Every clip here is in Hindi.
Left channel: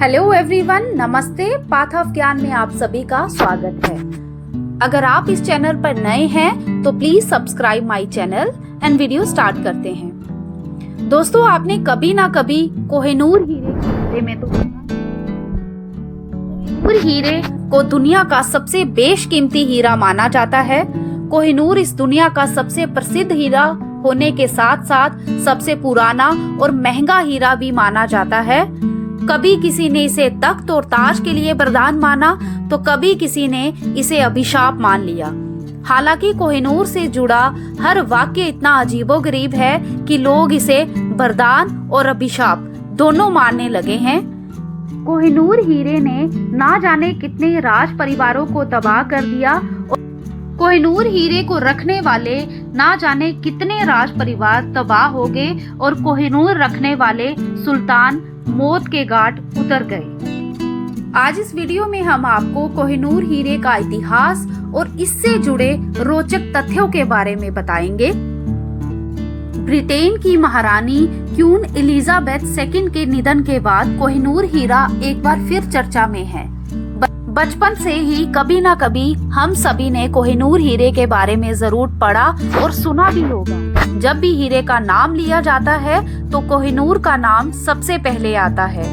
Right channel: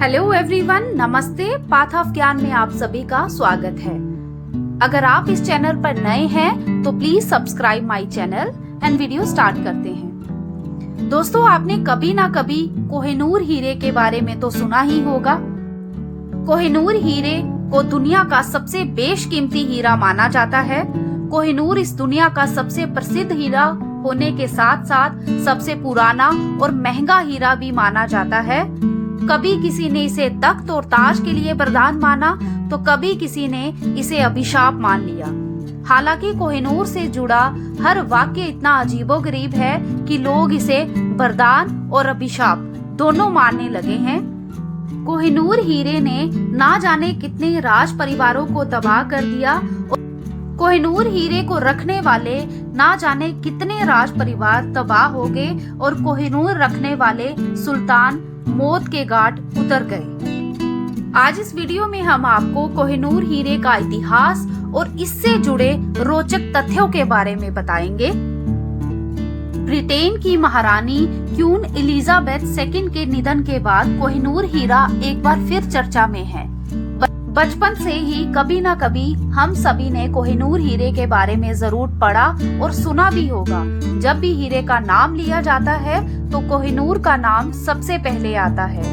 हेलो एवरीवन, नमस्ते। पाथ ऑफ ज्ञान में आप सभी का स्वागत है। अगर आप इस चैनल पर नए हैं तो please subscribe my channel and video start करते हैं। दोस्तों, आपने कभी ना कभी कोहिनूर हीरे के बारे में तो सुना ही होगा। कोहिनूर हीरे को दुनिया का सबसे बेशकीमती हीरा माना जाता है। कोहिनूर इस दुनिया का सबसे प्रसिद्ध हीरा होने के साथ साथ सबसे पुराना और महंगा हीरा भी माना जाता है। कभी किसी ने इसे तख्त और ताज के लिए वरदान माना तो कभी किसी ने इसे अभिशाप मान लिया। हालांकि कोहिनूर से जुड़ा हर वाक्य इतना अजीबोगरीब है कि लोग इसे वरदान और अभिशाप दोनों मानने लगे हैं। कोहिनूर हीरे ने ना जाने कितने राज परिवारों को तबाह कर दिया। कोहिनूर हीरे को रखने वाले ना जाने कितने राज परिवार तबाह हो गए और कोहिनूर रखने वाले सुल्तान मौत के घाट उतर गए। आज इस वीडियो में हम आपको कोहिनूर हीरे का इतिहास और इससे जुड़े रोचक तथ्यों के बारे में बताएंगे। ब्रिटेन की महारानी क्वीन एलिजाबेथ II के निधन के बाद कोहिनूर हीरा एक बार फिर चर्चा में है। बचपन से ही कभी न कभी हम सभी ने कोहिनूर हीरे के बारे में जरूर पढ़ा और सुना भी होगा। जब भी हीरे का नाम लिया जाता है तो कोहिनूर का नाम सबसे पहले आता है।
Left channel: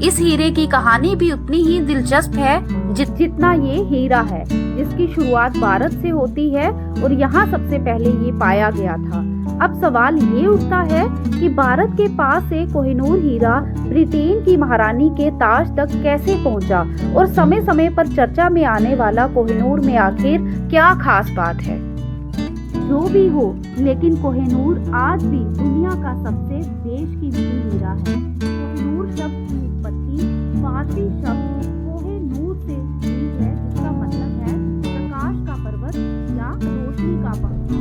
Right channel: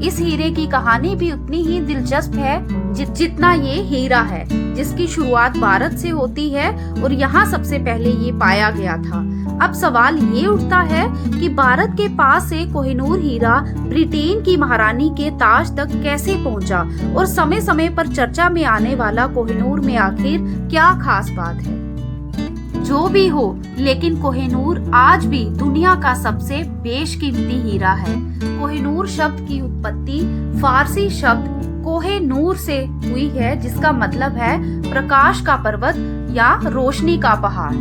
इस हीरे की कहानी भी उतनी ही दिलचस्प है जितना ये हीरा है, जिसकी शुरुआत भारत से होती है और यहाँ सबसे पहले ये पाया गया था। अब सवाल ये उठता है कि भारत के पास से कोहिनूर हीरा ब्रिटेन की महारानी के ताज तक कैसे पहुंचा और समय समय पर चर्चा में आने वाला कोहिनूर में आखिर क्या खास बात है। जो भी हो, लेकिन कोहिनूर आज भी दुनिया का सबसे बेशकीमती हीरा है। कोहिनूर शब्द की उत्पत्ति फारसी शब्द कोहे नूर से हुई है, जिसका मतलब है प्रकाश का पर्वत या रोशनी का पहाड़।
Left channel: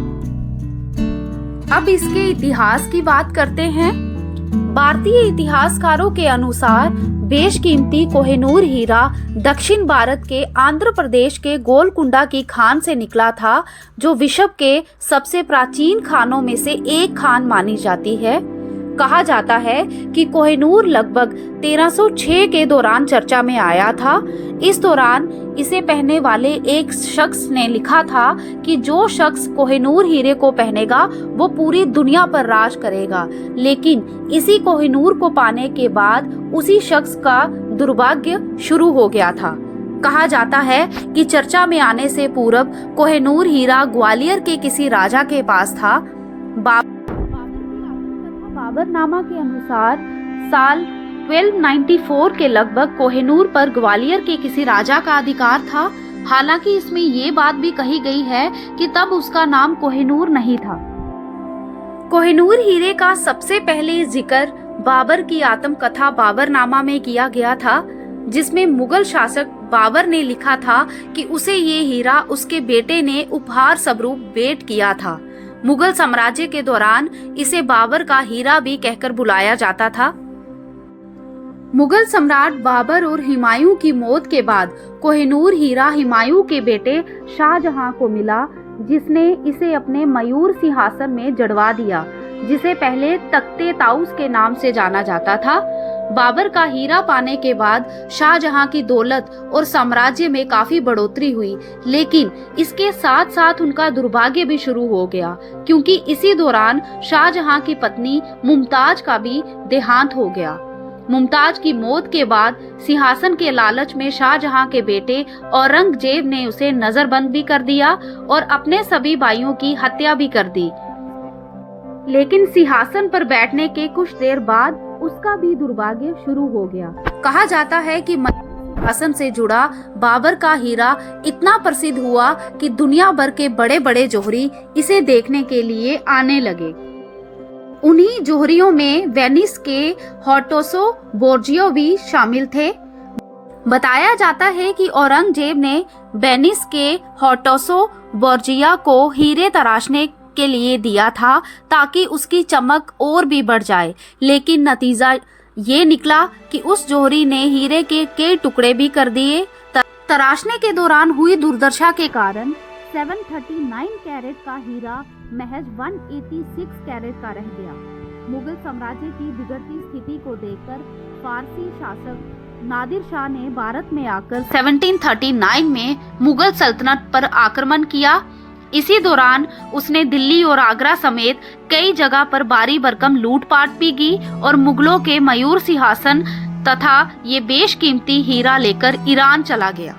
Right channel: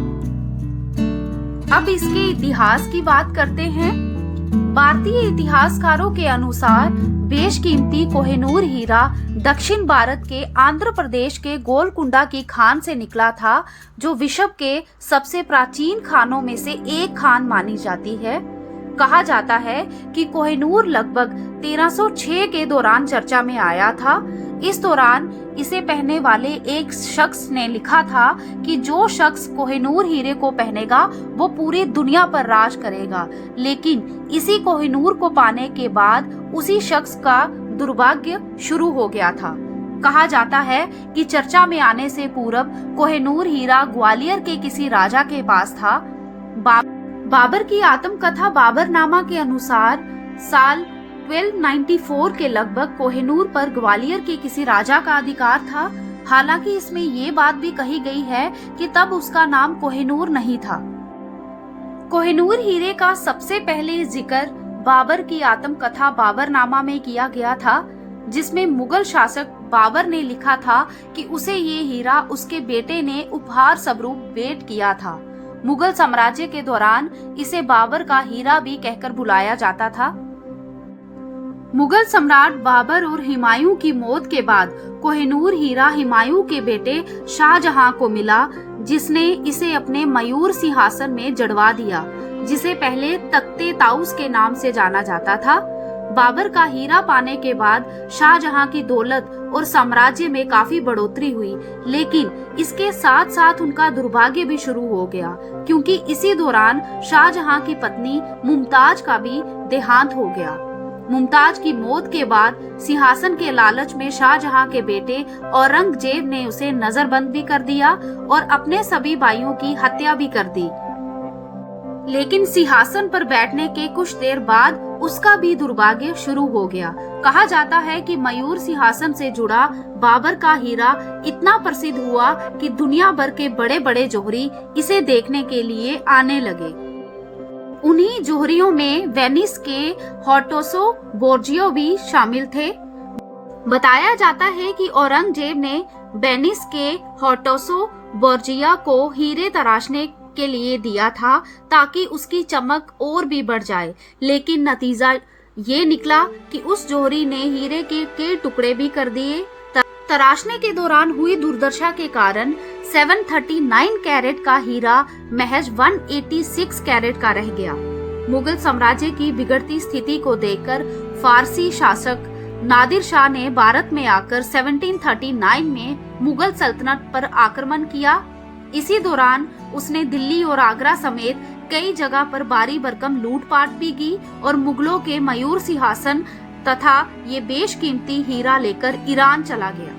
अब इसके इतिहास की बात करते हैं। भारतीय इतिहासकारों के अनुसार बेशकीमती कोहिनूर हीरा दक्षिण भारत के आंध्र प्रदेश के गोलकुंडा की खान से निकला था, जो विश्व के सबसे प्राचीन खानों में से एक खान मानी जाती है। कहा जाता है कि कोहिनूर लगभग 1306 के दौरान चर्चा में आया था। इस दौरान इसे पहनने वाले एक शख्स ने लिखा था कि जो शख्स कोहिनूर हीरे को पहनेगा वो पूरी दुनिया पर राज करेगा। लेकिन इसी कोहिनूर को पाने के बाद उसी शख्स का दुर्भाग्य शुरू हो गया था। कहा जाता है कि चर्चा में आने से पूर्व कोहिनूर हीरा ग्वालियर के किसी राजा के पास था। बाबर की आत्मकथा बाबरनामा के अनुसार साल 1294 के लगभग कोहिनूर पर ग्वालियर के किसी राजा का अधिकार था। हालांकि इसमें ये बात भी कही गई है कि तब उसका नाम कोहिनूर नहीं था। कोहिनूर हीरे का सबसे पहले जिक्र बाबर की आत्मकथा बाबरनामा में किया गया था, जिसमें मुगल शासक बाबर ने लिखा था कि उसे ये हीरा उसके बेटे ने उपहार स्वरूप भेंट किया था। मुगल साम्राज्य के दौरान इसे बाबर का हीरा भी कहकर बुलाया जाता था। मुगल सम्राट बाबर और हुमायूं की मौत के बाद कोहिनूर हीरा हुमायूं के बेटे शाहजहां को मिला, जिसने इसे अपने मयूर सिंहासन में जड़वा दिया, जिसे पहले तख्ते ताउस के नाम से जाना जाता था। बाबर का हीरा पाने के बाद शाहजहां की दौलत और साम्राज्य में काफी बढ़ोतरी हुई, लेकिन इसके साथ साथ उनका दुर्भाग्य भी शुरू हो गया, क्योंकि इसी दौरान शाहजहां की पत्नी मुमताज का भी देहांत हो गया। मुमताज की मौत के बाद सिंहासन के लालच में शाहजहां के बेटे औरंगजेब ने उसे नजरबंद भी कर दिया और अपने सभी भाइयों की हत्या भी कर दी। लेकिन सिंहासन पर बैठने के कुछ देर बाद उसका भी दुर्भाग्य शुरू हो गया। कहा जाता है कि मयूर सिंहासन से जुड़ा बाबर का हीरा इतना प्रसिद्ध हुआ कि दुनिया भर के बड़े बड़े जौहरी इसे देखने के लिए आने लगे। उन्हीं जौहरियों में वेनिस के हॉर्टोसो बोर्जियो भी शामिल थे। बताया जाता है कि औरंगजेब ने वेनिस के हॉर्टोसो बोर्जिया को हीरे तराशने के लिए दिया था ताकि उसकी चमक और भी बढ़ जाए, लेकिन नतीजा ये निकला कि उस जौहरी ने हीरे के कई टुकड़े भी कर दिए। तराशने के दौरान हुई दुर्दशा के कारण 739 कैरेट का हीरा महज 186 कैरेट का रह गया। मुगल साम्राज्य की बिगड़ती स्थिति को देखकर फारसी शासक नादिर शाह ने भारत में आकर 1739 में मुगल सल्तनत पर आक्रमण किया। इसी दौरान उसने दिल्ली और आगरा समेत कई जगह पर भारी भरकम लूटपाट भी की और मुगलों के मयूर सिंहासन तथा ये बेशकीमती हीरा लेकर ईरान चला गया।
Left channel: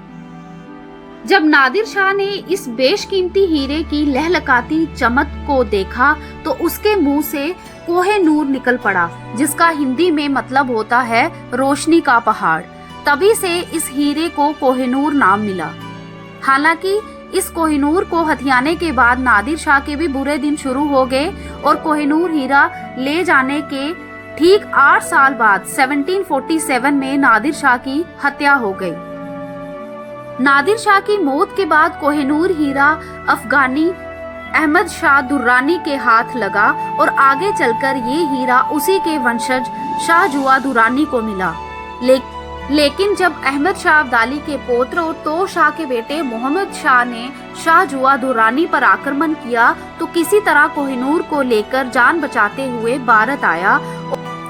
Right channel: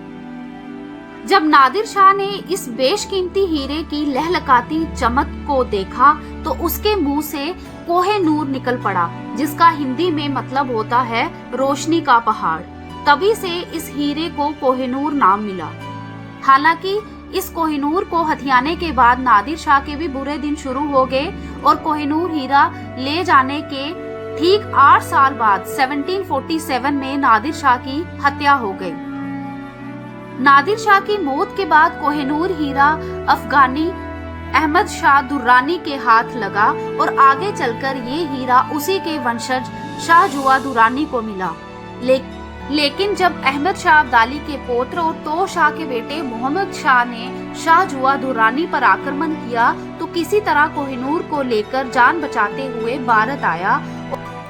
जब नादिर शाह ने इस बेशकीमती हीरे की लहलकाती चमक को देखा तो उसके मुंह से कोहे नूर निकल पड़ा, जिसका हिंदी में मतलब होता है रोशनी का पहाड़। तभी से इस हीरे को कोहिनूर नाम मिला। हालांकि इस कोहिनूर को हथियाने के बाद नादिर शाह के भी बुरे दिन शुरू हो गए और कोहिनूर हीरा ले जाने के ठीक 8 साल बाद 1747 में नादिर शाह की हत्या हो गई। नादिर शाह की मौत के बाद कोहिनूर हीरा अफगानी अहमद शाह दुर्रानी के हाथ लगा और आगे चलकर ये हीरा उसी के वंशज शाह जुआ दुर्रानी को मिला। लेकिन जब अहमद शाह अब्दाली के पौत्र और तो शाह के बेटे मोहम्मद शाह ने शाह जुआ दुर्रानी पर आक्रमण किया तो किसी तरह कोहिनूर को लेकर जान बचाते हुए भारत आया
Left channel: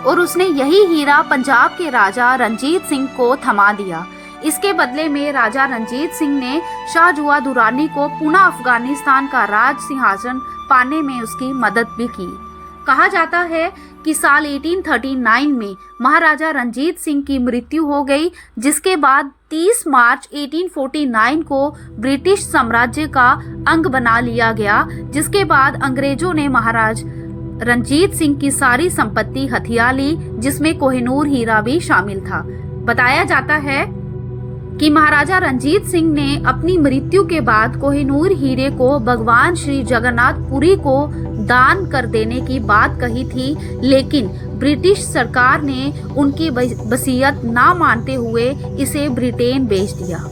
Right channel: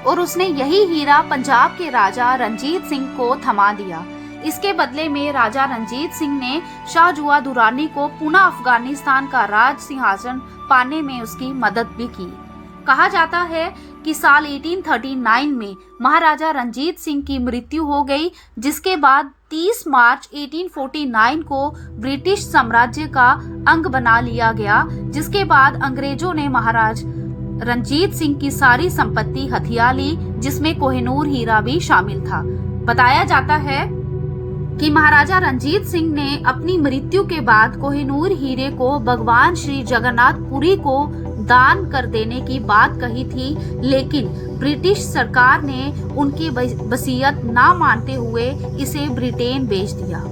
और उसने यही हीरा पंजाब के राजा रंजीत सिंह को थमा दिया। इसके बदले में राजा रंजीत सिंह ने शाह जुआ दुर्रानी को पुनः अफगानिस्तान का राज सिंहासन पाने में उसकी मदद भी की। कहा जाता है कि साल 1839 में महाराजा रंजीत सिंह की मृत्यु हो गई, जिसके बाद 30 मार्च 1849 को ब्रिटिश साम्राज्य का अंग बना लिया गया, जिसके बाद अंग्रेजों ने महाराज रंजीत सिंह की सारी संपत्ति हथिया ली, जिसमें कोहिनूर हीरा भी शामिल था। बताया जाता है कि महाराजा रंजीत सिंह ने अपनी मृत्यु के बाद कोहिनूर हीरे को भगवान श्री जगन्नाथ पुरी को दान कर देने की बात कही थी, लेकिन ब्रिटिश सरकार ने उनकी वसीयत ना मानते हुए इसे ब्रिटेन बेच दिया।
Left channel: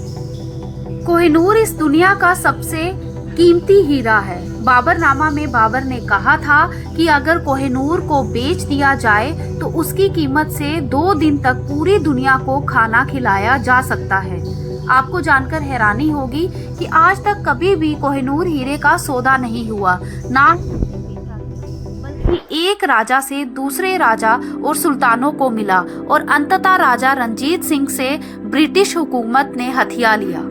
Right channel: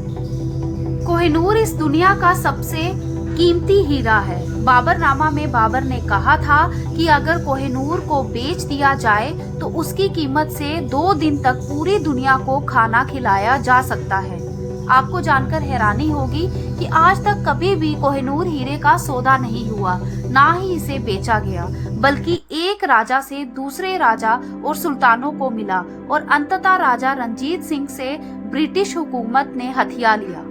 कोहिनूर इस दुनिया का सबसे कीमती हीरा है। बाबरनामा में बाबर ने कहा था कि अगर कोहिनूर को बेच दिया जाए तो उसकी कीमत से 2 दिन तक पूरी दुनिया को खाना खिलाया जा सकता है। आपको जानकर हैरानी होगी कि आज तक कभी भी कोहिनूर हीरे का सौदा नहीं हुआ, ना ही इसे बेचा गया, बल्कि एक राजा से दूसरे राजा और सुल्तानों को मिला और अंततः राजा रंजीत सिंह से ब्रिटिश हुकूमत ने हथिया लिया।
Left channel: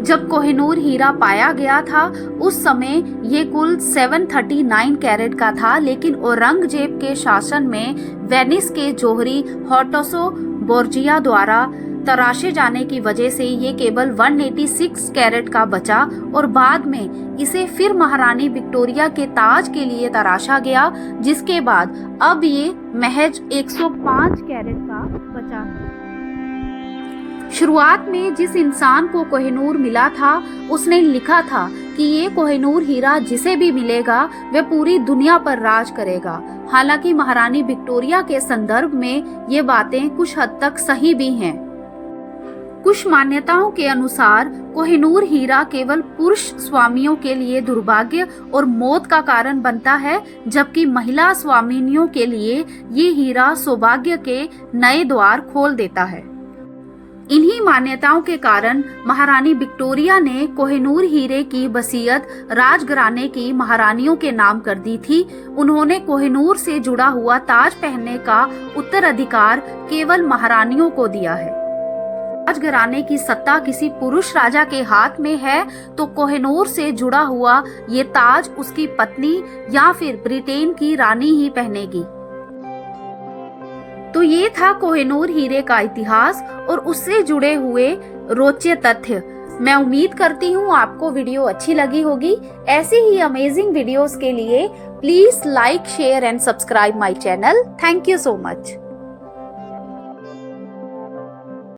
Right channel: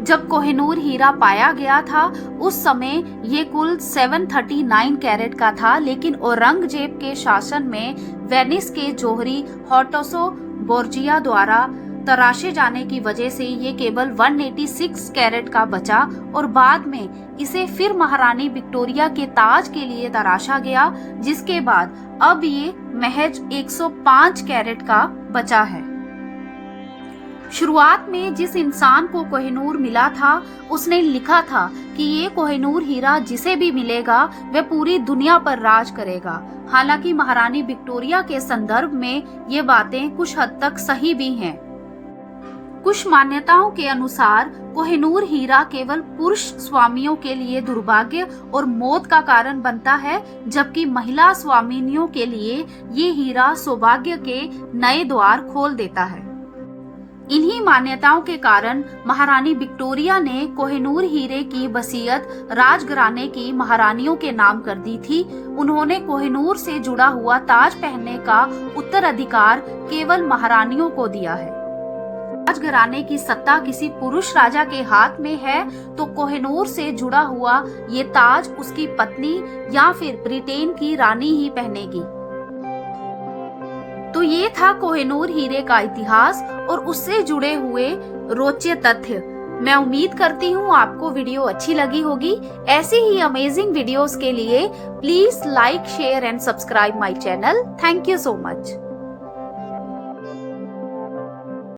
जब कोहिनूर हीरा पाया गया था उस समय ये कुल 739 कैरेट का था, लेकिन औरंगजेब के शासन में वेनिस के जौहरी हॉर्टसो बोर्जिया द्वारा तराशे जाने की वजह से ये केवल 186 कैरेट का बचा और बाद में इसे फिर महारानी विक्टोरिया के ताज के लिए तराशा गया, जिसके बाद अब ये महज 105 कैरेट का बचा है। शुरुआत में जिस इंसान को कोहिनूर मिला था उसने लिखा था कि ये कोहिनूर हीरा जिसे भी मिलेगा वह पूरी दुनिया पर राज करेगा। हालांकि महारानी विक्टोरिया के संदर्भ में ये बातें कुछ हद तक सही भी हैं। कुछ मान्यताओं के अनुसार कोहिनूर हीरा केवल पुरुष स्वामियों के लिए दुर्भाग्य और मौत का कारण बनता है, जबकि महिला स्वामिनियों के लिए ये हीरा सौभाग्य के नए द्वार खोल देता है। इन्हीं मान्यताओं के कारण महारानी विक्टोरिया ने कोहिनूर हीरे की वसीयत राजघराने की महारानियों के नाम कर दी थी। उन्होंने कोहिनूर से जुड़ा हुआ ताज पहनने का उत्तराधिकार केवल महारानियों को दिया है। राजघराने की सत्ता किसी पुरुष राजा के हाथ में है तो कोहिनूर से जुड़ा हुआ ये ताज उसकी पत्नी या फिर ब्रिटेन की रानी ही पहनेगी। तो ये था कोहिनूर हीरे का इतिहास और उससे जुड़े हुए रोचक तथ्य। मैं उम्मीद करती हूँ आपको वीडियो अच्छी लगी होगी। ऐसी ही अमेजिंग वीडियोस के लिए please like, share and subscribe my channel. Thank you so much.